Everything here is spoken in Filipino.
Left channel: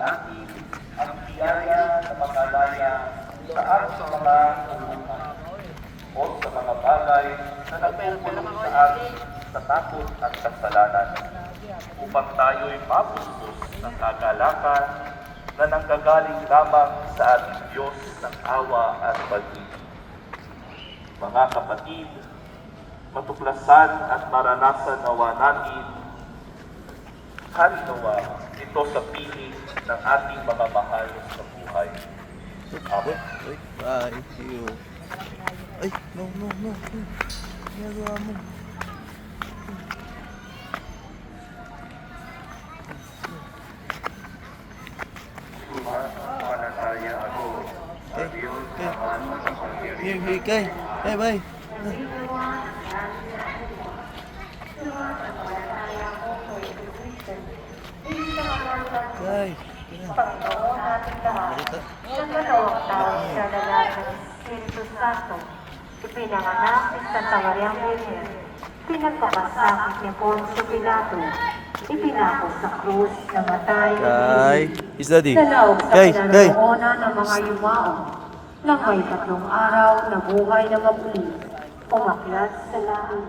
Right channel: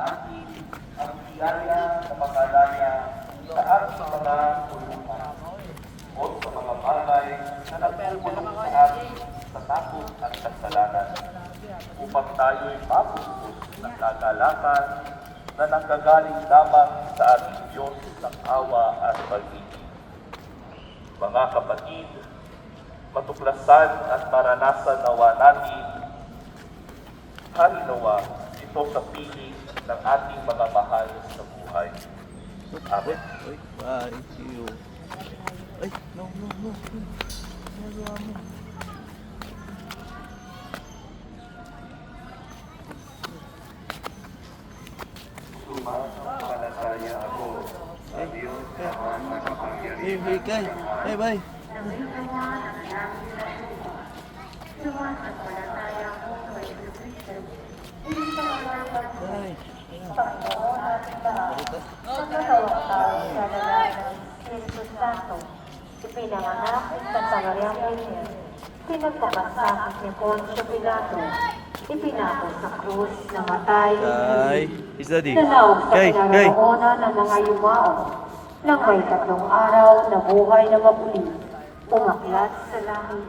atin ang biyaya na makalaya sa ating mga tulungan o sa mga bagay na nagpupulong sa atin sa takot at kasalanan upang tayo'y mapustos ng kagalakan na nanggagaling lamang sa ating Diyos ng awa at pag-ibig. Mga kapatid, matuklasan at maranasan nawa natin halinawa ito sa piling ng ating mga mahal sa buhay. Amen. Ay, you. Ay, no. Ginagawa mo. Sumasampalataya ako sa Diyos Ama na makapangyarihan. Hey, bye. Ay. Panginoon nating lahat, sa dalawang taon sa lalaki ng Espiritu Santo, ipinanganak ni Santa Maria Virgen, pinagpapasakit ni Poncio Pilato, ipinako sa krus, namatay, Kay, is daddy. nanaog sa Kay. pinanahona ng mga yumao, nang may 3 araw na buhay na mapuli, umakyat sa langit,